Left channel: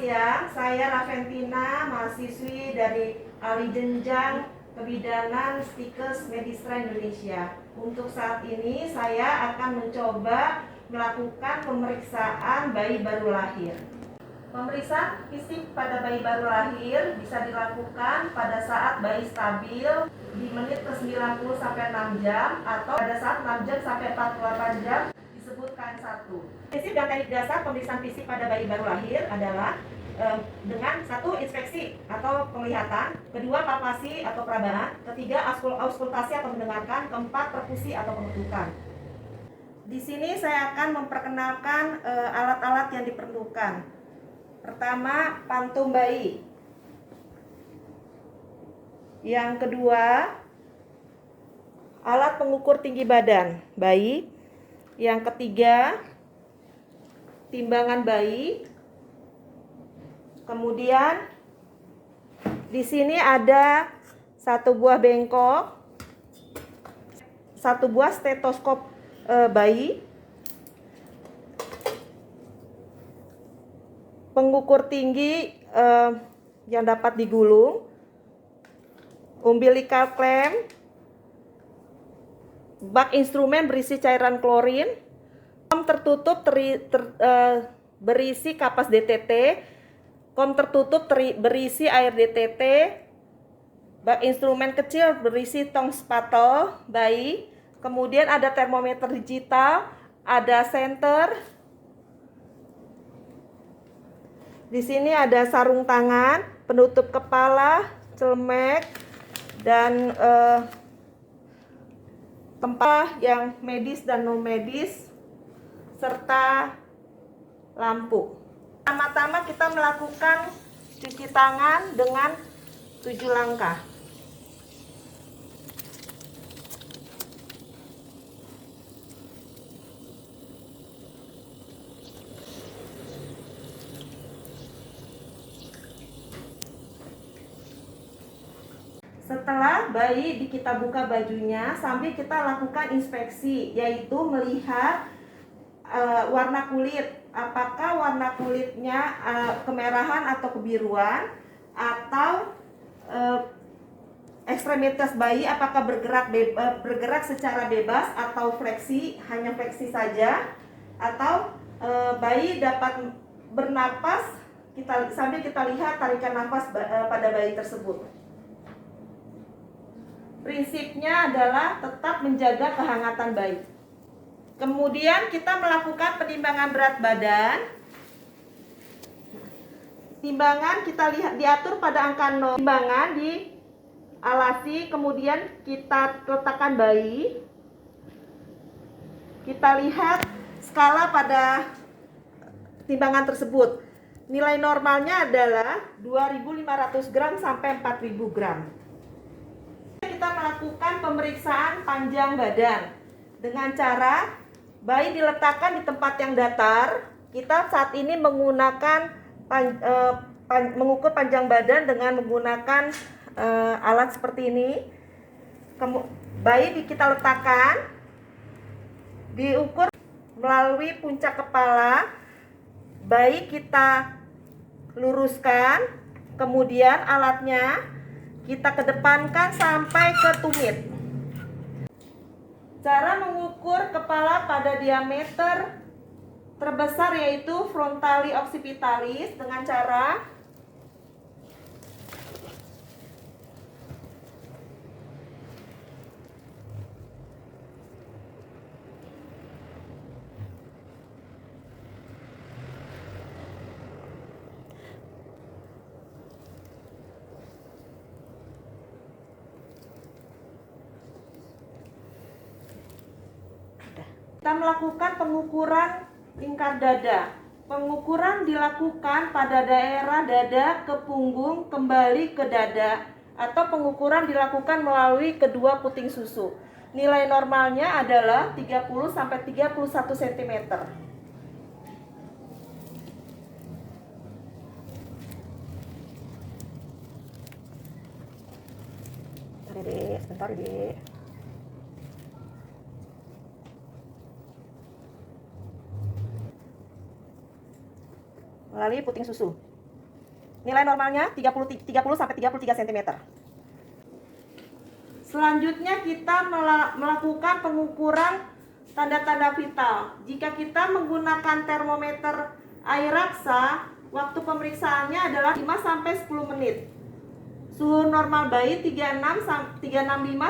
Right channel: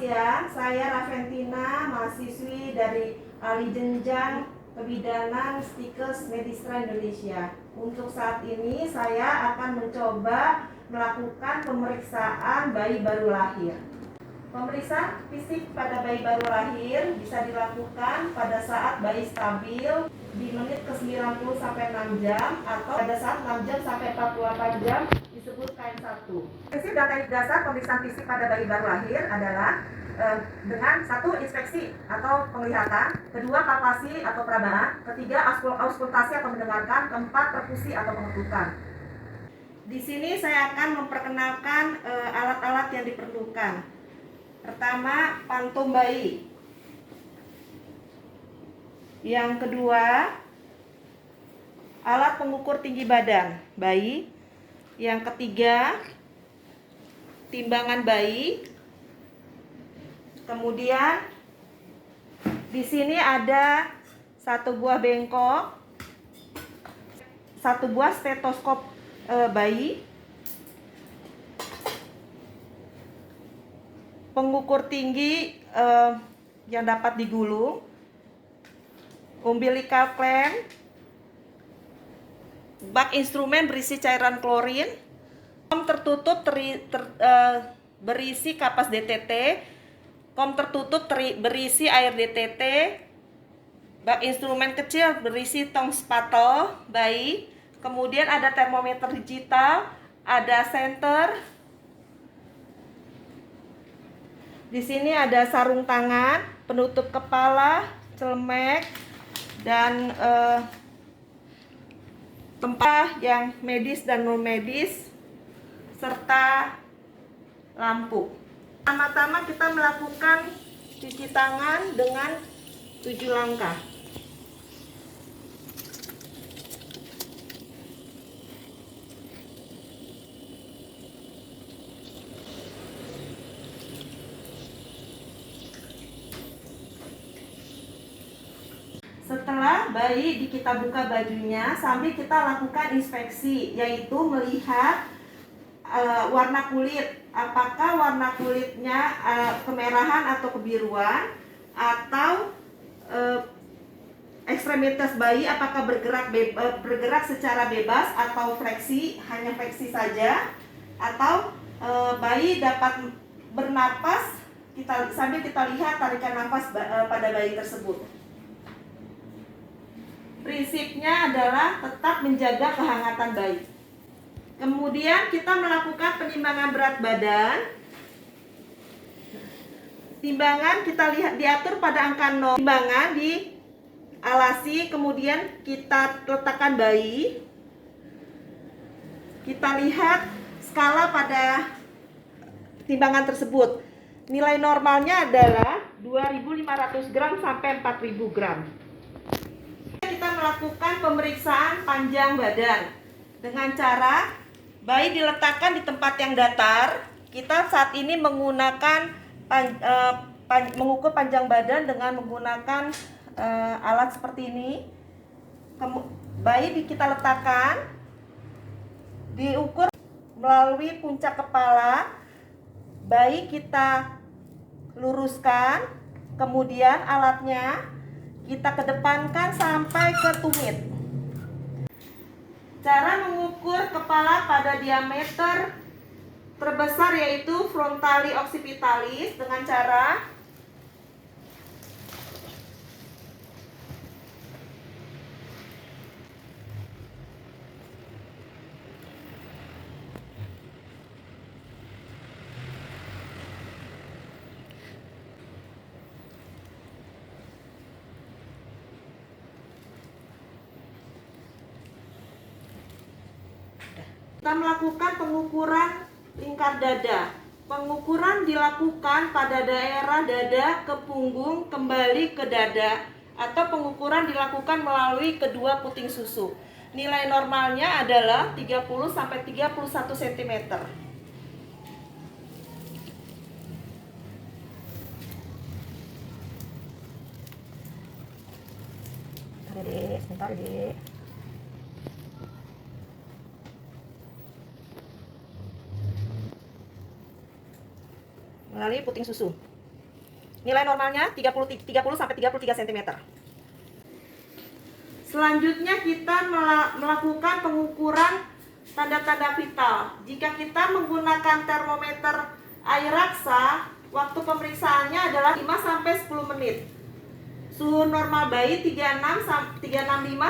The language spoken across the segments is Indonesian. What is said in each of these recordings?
siang, saya Raventina, mahasiswi dari Ahli Jenjang Kebidanan Stikes Medistra Indonesia. Untuk saat ini saya akan mencoba melakukan pemeriksaan bayi baru lahir. Pemeriksaan fisik pada bayi baru lahir bisa dilakukan pada saat bayi stabil di menit ke 90 sampai 6 jam atau pada saat 6 jam sampai 48 jam disebut KN1. Prinsip dan teknik dasar pemeriksaan fisik pada bayi baru lahir adalah dengan satu inspeksi atau penglihatan, kedua palpasi atau perabaan, ketiga auskultasi atau mendengarkan, keempat perkusi atau pengetukan. Di sini saya akan memperkenalkan alat-alat yang diperlukan. Pertama, pantum bayi. Yang kedua, alat pengukur tinggi badan bayi. Yang ketiga, timbangan bayi. Kemudian di sini ada satu buah bengkok, satu buah stetoskop bayi, pengukur tinggi yang dapat digulung, umbilical clamp, bak instrumen berisi cairan klorin, kom tertutup berisi kapas DTT, kom tertutup berisi air DTT, bak instrumen kecil berisi tong spatel bayi, kemudian ada termometer digital, ada senter. Di sini ada sarung tangan, penutup kepala, celemek, dan tempat yang medis dan non medis, serta lampu. Pertama-tama kita melakukan cuci tangan dengan 7 langkah. Setelah bayi kita buka bajunya, sambil kita lakukan inspeksi, yaitu melihat warna kulit. Apakah warna kulitnya kemerahan atau kebiruan, atau ekstremitas bayi apakah bergerak secara bebas atau fleksi, hanya fleksi saja, atau bayi dapat bernapas sambil kita lihat tarikan nafas pada bayi tersebut. Prinsipnya adalah tetap menjaga kehangatan bayi. Kemudian kita melakukan penimbangan berat badan. Timbangan kita lihat diatur pada angka 0. Timbangan dialasi, kemudian kita letakkan bayi. Kita lihat skala pada timbangan tersebut. Nilai normalnya adalah 2.500 gram sampai 4.000 gram. Kita melakukan pemeriksaan panjang badan dengan cara bayi diletakkan di tempat yang datar. Kita saat ini menggunakan mengukur panjang badan dengan menggunakan alat seperti ini. Bayi kita letakkan, diukur melalui puncak kepala. Bayi kita luruskan, kemudian alatnya kita kedepankan sampai ke tumit. Cara mengukur kepala pada diameter terbesar yaitu frontali occipitalis dengan cara kita melakukan pengukuran lingkar dada. Pengukuran dilakukan pada daerah dada ke punggung kembali ke dada, atau pengukuran dilakukan melalui kedua puting susu. Nilai normalnya adalah 30 sampai 31 cm. Bentar, Dek. Melalui puting susu. Nilai normalnya 30 sampai 33 cm. Selanjutnya kita melakukan pengukuran tanda-tanda vital. Jika kita menggunakan termometer air raksa, waktu pemeriksaannya adalah 5 sampai 10 menit. Suhu normal bayi 365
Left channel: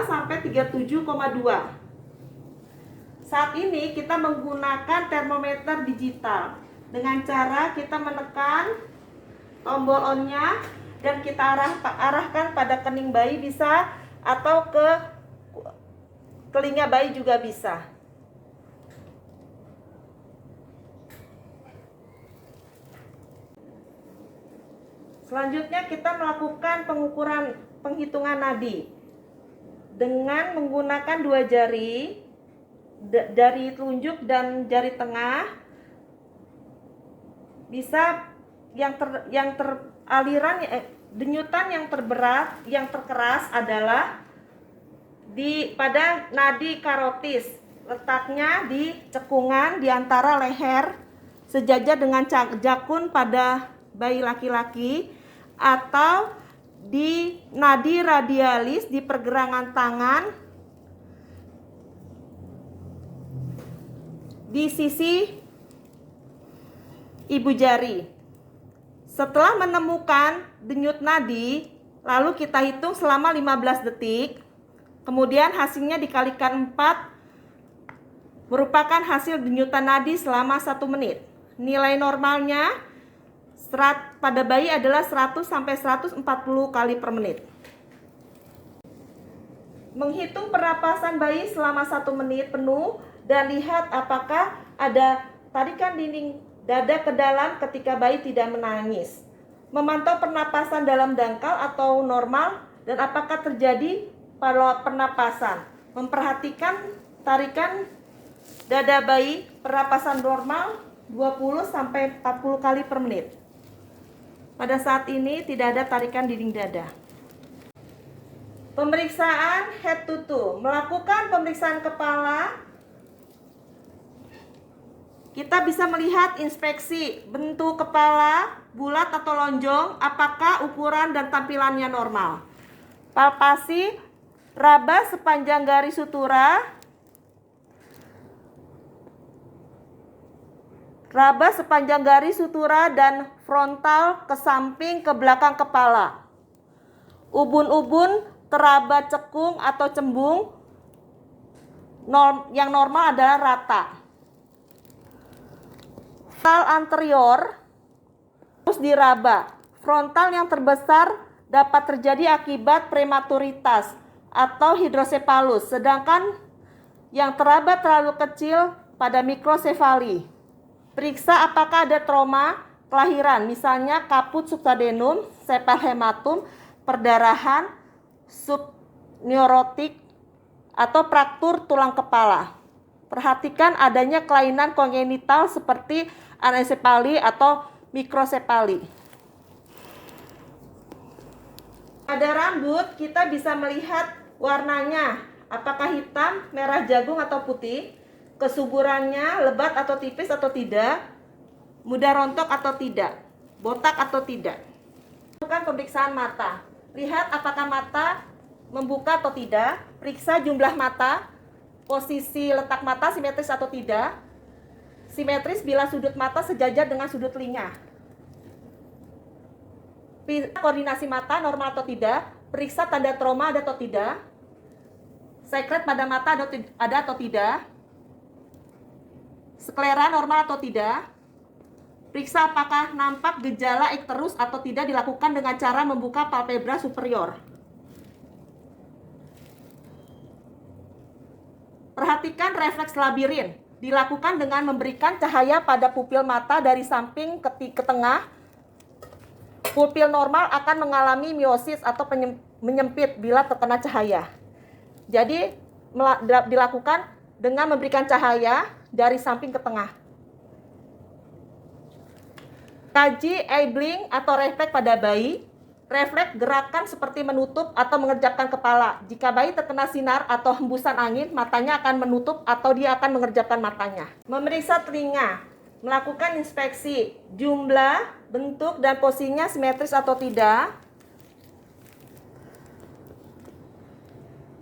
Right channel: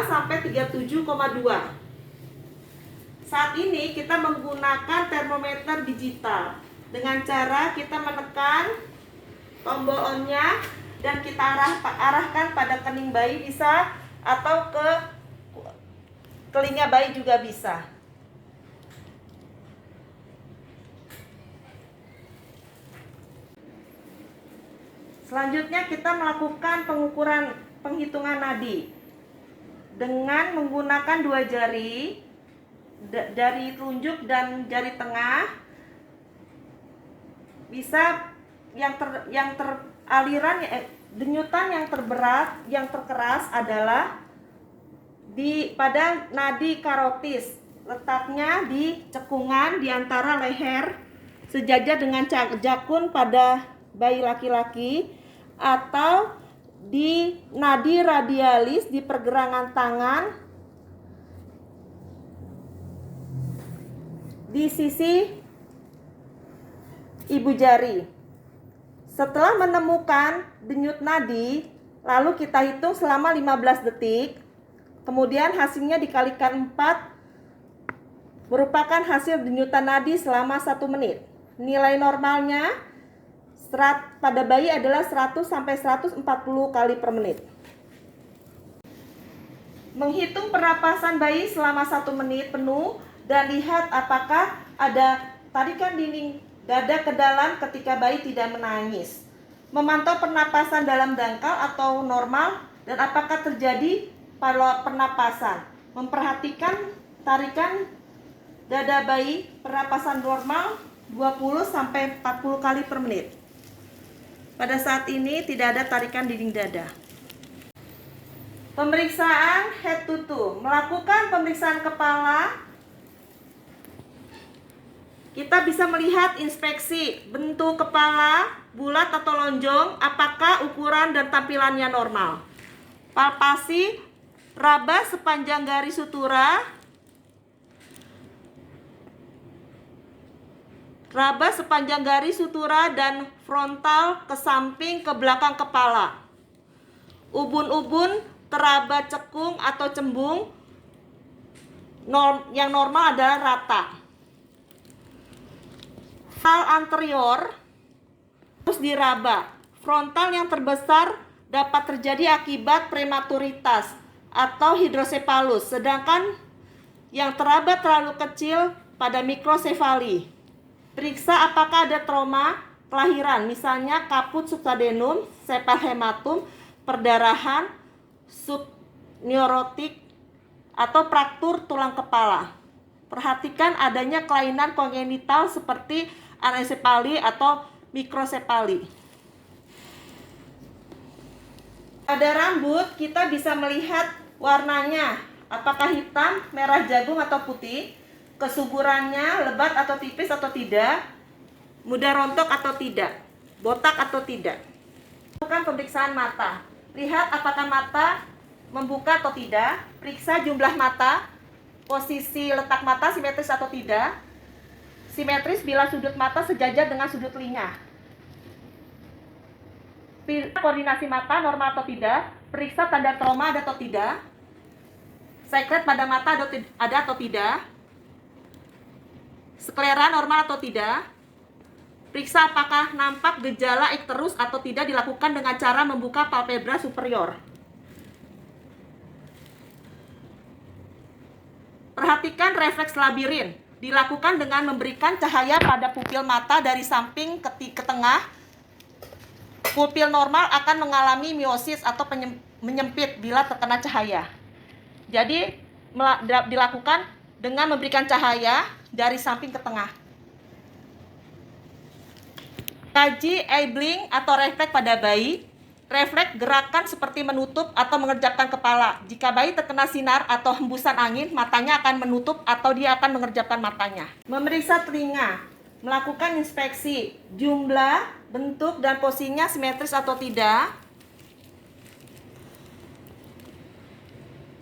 sampai 37,2. Saat ini kita menggunakan termometer digital dengan cara kita menekan tombol on-nya dan kita arahkan pada kening bayi bisa, atau ke telinga bayi juga bisa. Selanjutnya kita melakukan pengukuran penghitungan nadi dengan menggunakan 2 jari, jari telunjuk dan jari tengah. Bisa denyutan yang terberat, yang terkeras adalah pada nadi karotis, letaknya di cekungan di antara leher sejajar dengan jakun pada bayi laki-laki, atau di nadi radialis di pergelangan tangan di sisi ibu jari. Setelah menemukan denyut nadi, lalu kita hitung selama 15 detik. Kemudian hasilnya dikalikan 4 merupakan hasil denyutan nadi selama 1 menit. Nilai normalnya pada bayi adalah 100 sampai 140 kali per menit. Menghitung pernapasan bayi selama 1 menit penuh dan lihat apakah ada tarikan dinding dada ke dalam ketika bayi tidak menangis. Memantau pernapasan dalam dangkal atau normal dan apakah terjadi pada pernapasan. Memperhatikan tarikan dada bayi, pernapasan normal 20 sampai 40 kali per menit. Pada saat ini tidak ada tarikan dinding dada. Pemeriksaan head to toe. Melakukan pemeriksaan kepala, kita bisa melihat inspeksi bentuk kepala, bulat atau lonjong, apakah ukuran dan tampilannya normal. Palpasi raba sepanjang garis sutura, dan frontal ke samping ke belakang kepala. Ubun-ubun teraba cekung atau cembung, yang normal adalah rata. Frontal anterior terus diraba. Frontal yang terbesar dapat terjadi akibat prematuritas atau hidrosepalus, sedangkan yang teraba terlalu kecil pada mikrosefali. Periksa apakah ada trauma kelahiran, misalnya kaput subsadenum, sepal hematum, perdarahan, subneurotik, atau fraktur tulang kepala. Perhatikan adanya kelainan kongenital seperti anencefali atau mikrosefali. Pada rambut kita bisa melihat warnanya, apakah hitam, merah jagung atau putih, kesuburannya lebat atau tipis atau tidak, mudah rontok atau tidak, botak atau tidak. Lakukan pemeriksaan mata. Lihat apakah mata membuka atau tidak, periksa jumlah mata, posisi letak mata simetris atau tidak. Simetris bila sudut mata sejajar dengan sudut telinga. Koordinasi mata normal atau tidak, periksa tanda trauma ada atau tidak, sekret pada mata ada atau tidak, sklera normal atau tidak. Periksa apakah nampak gejala ikterus atau tidak dilakukan dengan cara membuka palpebra superior. Perhatikan refleks labirin. Dilakukan dengan memberikan cahaya pada pupil mata dari samping ke tengah. Pupil normal akan mengalami miosis atau menyempit bila terkena cahaya. Jadi dilakukan dengan memberikan cahaya dari samping ke tengah. Kaji eye blink atau refleks pada bayi. Refleks gerakan seperti menutup atau mengerjapkan kepala. Jika bayi terkena sinar atau hembusan angin, matanya akan menutup atau dia akan mengerjapkan matanya. Memeriksa telinga. melakukan inspeksi jumlah, bentuk, dan posisinya simetris atau tidak.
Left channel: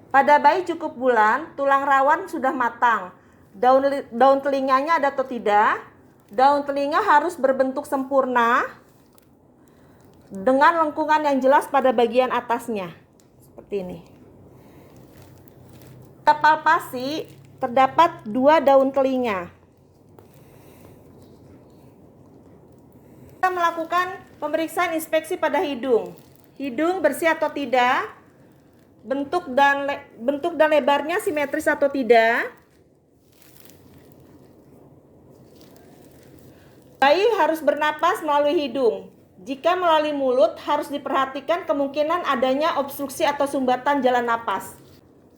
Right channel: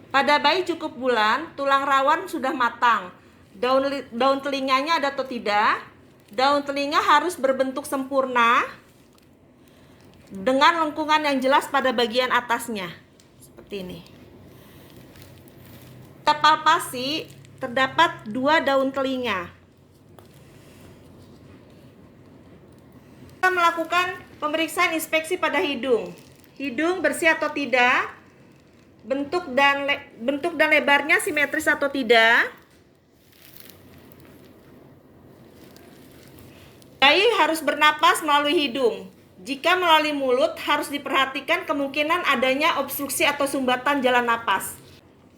Pada bayi cukup bulan, tulang rawan sudah matang. Daun telinganya ada atau tidak? Daun telinga harus berbentuk sempurna dengan lengkungan yang jelas pada bagian atasnya. Seperti ini. Pada palpasi terdapat 2 daun telinga. Kita melakukan pemeriksaan inspeksi pada hidung. Hidung bersih atau tidak? Bentuk dan lebarnya simetris atau tidak? Bayi harus bernapas melalui hidung. Jika melalui mulut, harus diperhatikan kemungkinan adanya obstruksi atau sumbatan jalan napas.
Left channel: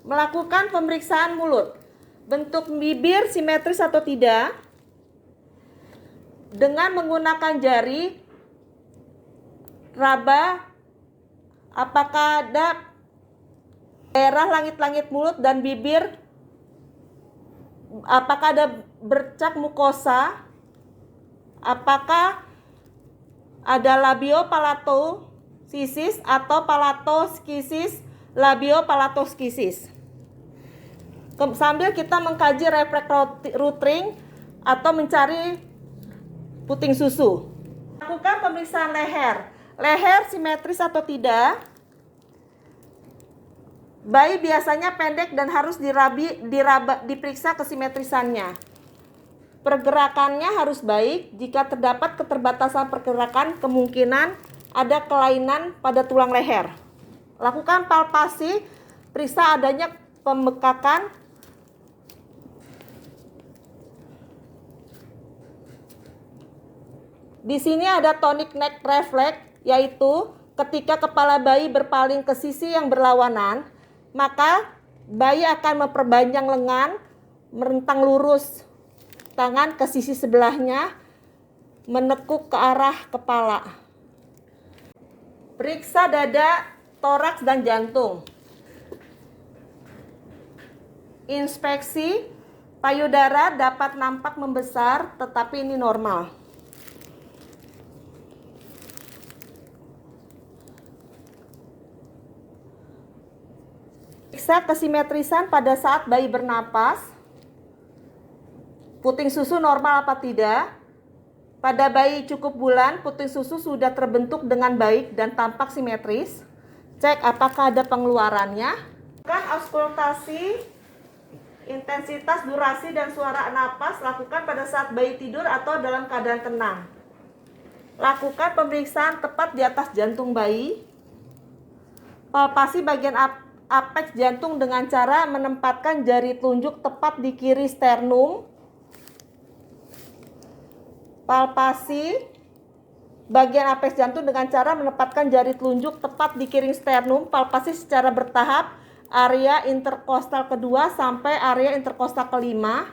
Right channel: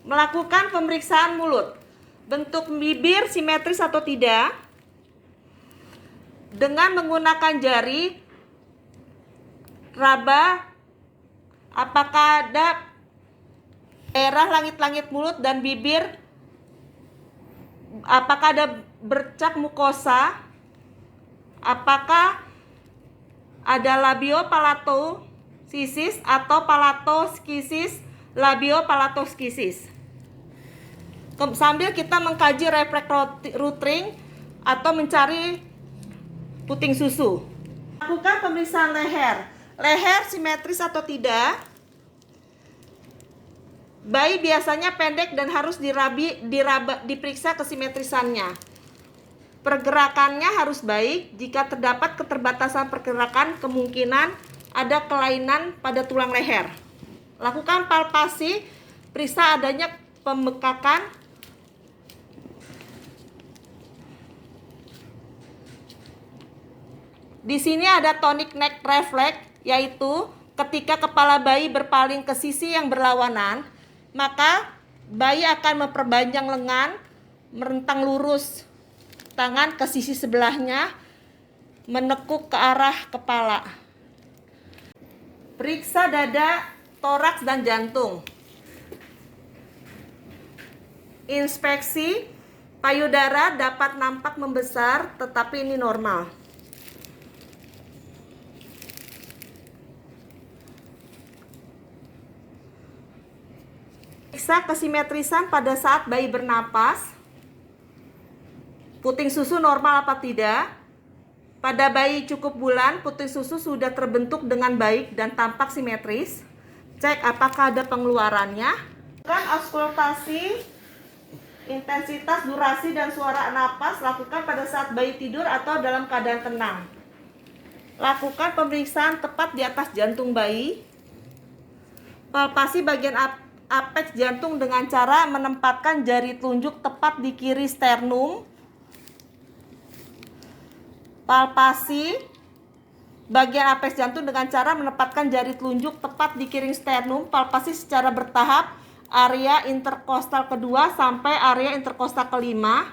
Melakukan pemeriksaan mulut. Bentuk bibir simetris atau tidak? Dengan menggunakan jari raba, apakah ada daerah langit-langit mulut dan bibir? Apakah ada bercak mukosa? Apakah ada labiopalatoskisis atau palatoskisis, labiopalatoskisis? Sambil kita mengkaji refleks rutring atau mencari puting susu. Lakukan pemeriksaan leher. Leher simetris atau tidak? Bayi biasanya pendek dan harus diperiksa kesimetrisannya. Pergerakannya harus baik. Jika terdapat keterbatasan pergerakan, kemungkinan ada kelainan pada tulang leher. Lakukan palpasi, periksa adanya pembekakan. Di sini ada tonic neck reflex, yaitu ketika kepala bayi berpaling ke sisi yang berlawanan, maka bayi akan memperpanjang lengan, merentang lurus tangan ke sisi sebelahnya, menekuk ke arah kepala. Periksa dada, toraks, dan jantung. Inspeksi payudara dapat nampak membesar, tetapi ini normal. Periksa kesimetrisan pada saat bayi bernapas. Puting susu normal apa tidak? Pada bayi cukup bulan, puting susu sudah terbentuk dengan baik dan tampak simetris. Cek apakah ada pengeluarannya. Lakukan auskultasi, intensitas, durasi, dan suara napas. Lakukan pada saat bayi tidur atau dalam keadaan tenang. Lakukan pemeriksaan tepat di atas jantung bayi. Palpasi bagian apeks jantung dengan cara menempatkan jari telunjuk tepat di kiri sternum. Palpasi bagian apeks jantung dengan cara menempatkan jari telunjuk tepat di kiri sternum. Palpasi secara bertahap area interkostal kedua sampai area interkostal kelima.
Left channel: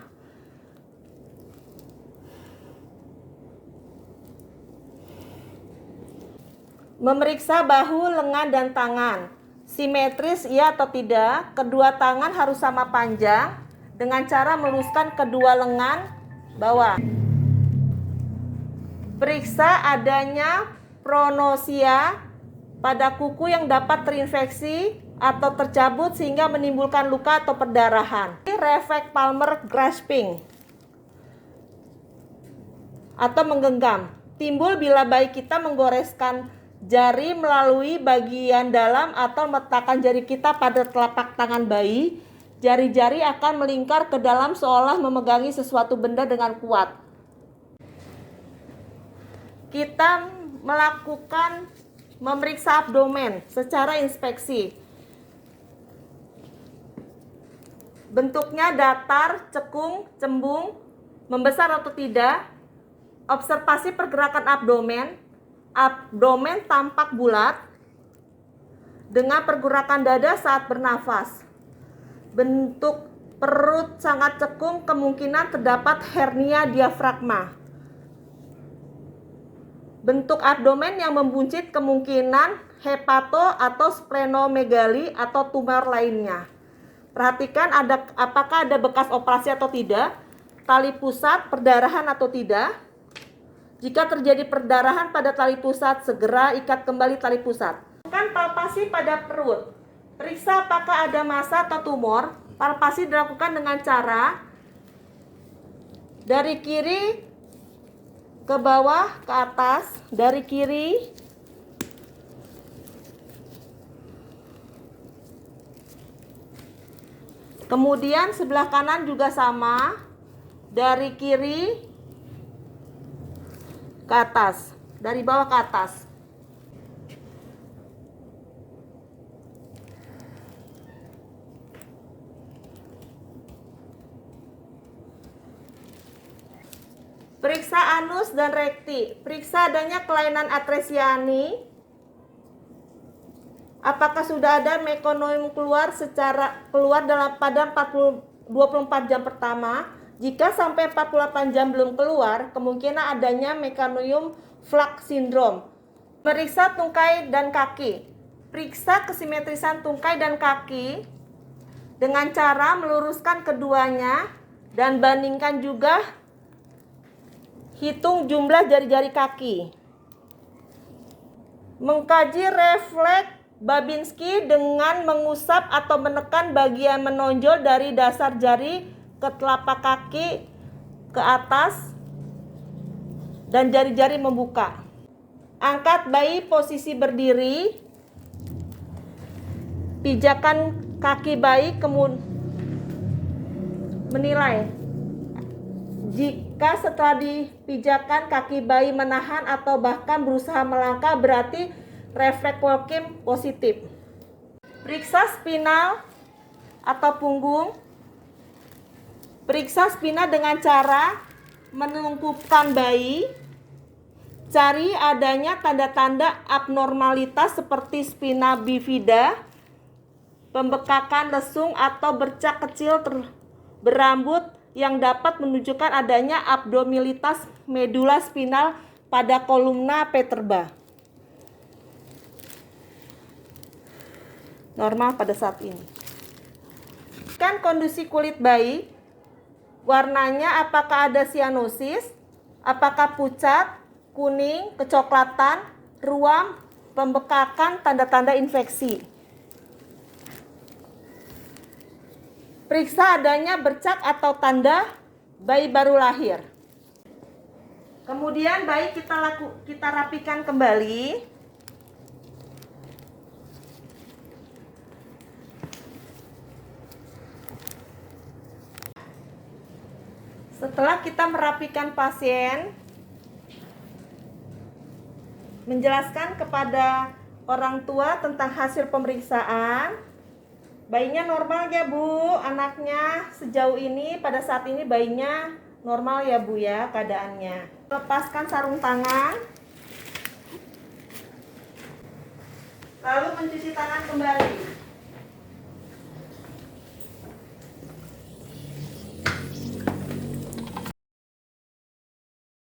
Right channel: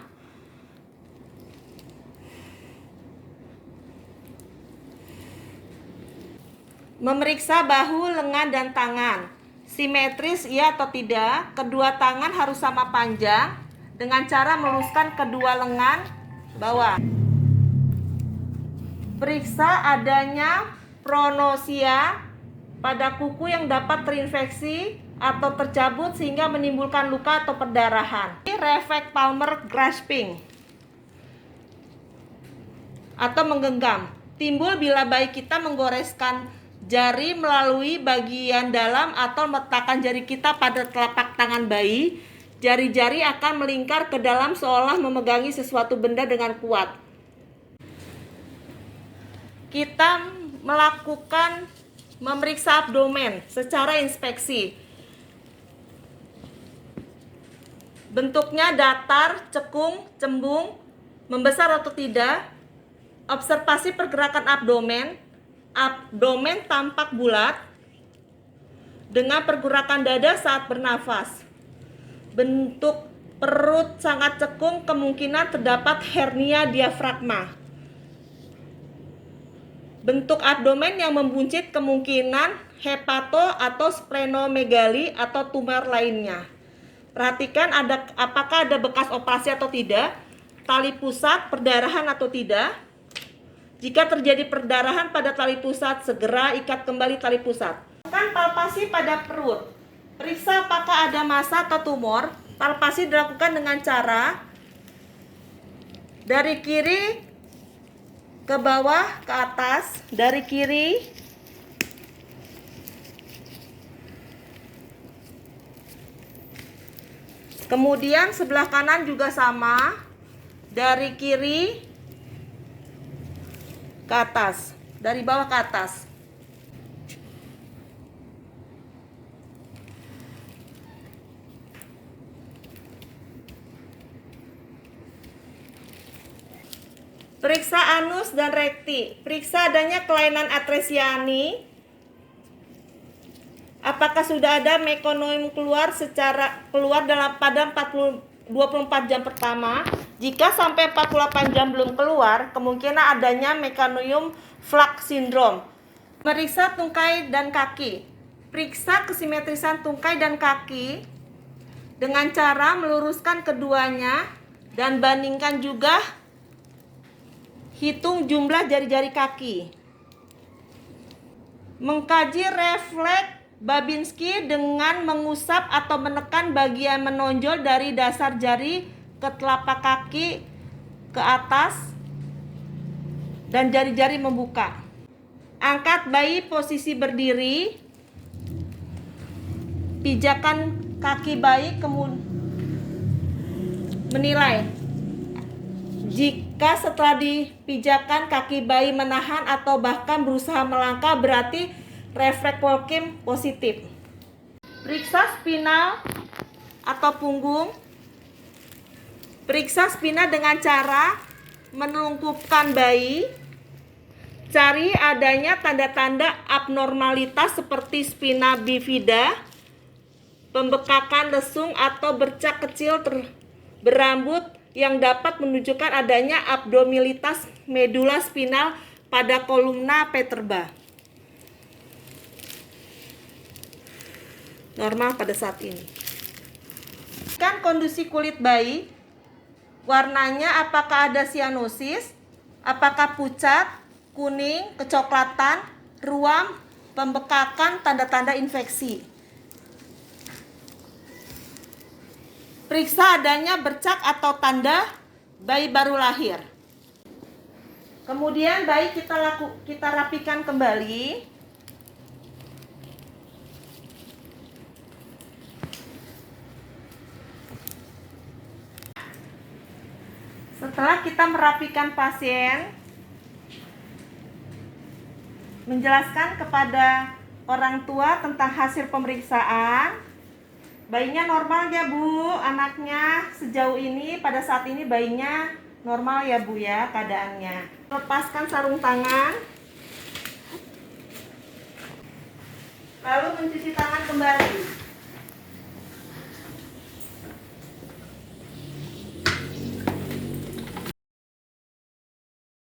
Memeriksa bahu, lengan, dan tangan. Simetris iya atau tidak? Kedua tangan harus sama panjang dengan cara meluruskan kedua lengan bawah. Periksa adanya pronosia pada kuku yang dapat terinfeksi atau tercabut sehingga menimbulkan luka atau perdarahan. Refleks palmar grasping atau menggenggam timbul bila bayi kita menggoreskan jari melalui bagian dalam atau meletakkan jari kita pada telapak tangan bayi. Jari-jari akan melingkar ke dalam seolah memegangi sesuatu benda dengan kuat. Kita melakukan memeriksa abdomen secara inspeksi. Bentuknya datar, cekung, cembung, membesar atau tidak. Observasi pergerakan abdomen. Abdomen tampak bulat dengan pergerakan dada saat bernafas. Bentuk perut sangat cekung, kemungkinan terdapat hernia diafragma. Bentuk abdomen yang membuncit, kemungkinan hepato atau splenomegali atau tumor lainnya. Perhatikan apakah ada bekas operasi atau tidak. tali pusat perdarahan atau tidak. Jika terjadi perdarahan pada tali pusat, segera ikat kembali tali pusat. Lakukan palpasi pada perut. Periksa apakah ada massa atau tumor. Palpasi dilakukan dengan cara dari kiri ke bawah ke atas, dari kiri kemudian sebelah kanan juga sama, dari kiri ke atas, dari bawah ke atas. Periksa anus dan rekti. Periksa adanya kelainan atresiani. Apakah sudah ada mekonium keluar pada 24 jam pertama? Jika sampai 48 jam belum keluar, kemungkinan adanya mekonium flux syndrome. Meriksa tungkai dan kaki. Periksa kesimetrisan tungkai dan kaki dengan cara meluruskan keduanya dan bandingkan juga hitung jumlah jari-jari kaki. Mengkaji refleks Babinski dengan mengusap atau menekan bagian menonjol dari dasar jari ke telapak kaki ke atas dan jari-jari membuka. Angkat bayi posisi berdiri. Pijakan kaki bayi, kemudian menilai. Jika setelah dipijakan kaki bayi menahan atau bahkan berusaha melangkah, berarti refleks walking positif. Periksa spinal atau punggung. Periksa spina dengan cara menelungkupkan bayi. Cari adanya tanda-tanda abnormalitas seperti spina bifida, pembekakan lesung atau bercak kecil berambut yang dapat menunjukkan adanya abdominialitas medula spinal pada kolumna vertebra. Normal pada saat ini. Kan kondisi kulit bayi, warnanya apakah ada sianosis, apakah pucat, kuning, kecoklatan, ruam, pembekakan, tanda-tanda infeksi. Periksa adanya bercak atau tanda bayi baru lahir. Kemudian bayi kita rapikan kembali. Setelah kita merapikan pasien, menjelaskan kepada orang tua tentang hasil pemeriksaan. Bayinya normal ya Bu, anaknya sejauh ini pada saat ini bayinya normal ya Bu ya keadaannya. Lepaskan sarung tangan, lalu mencuci tangan kembali.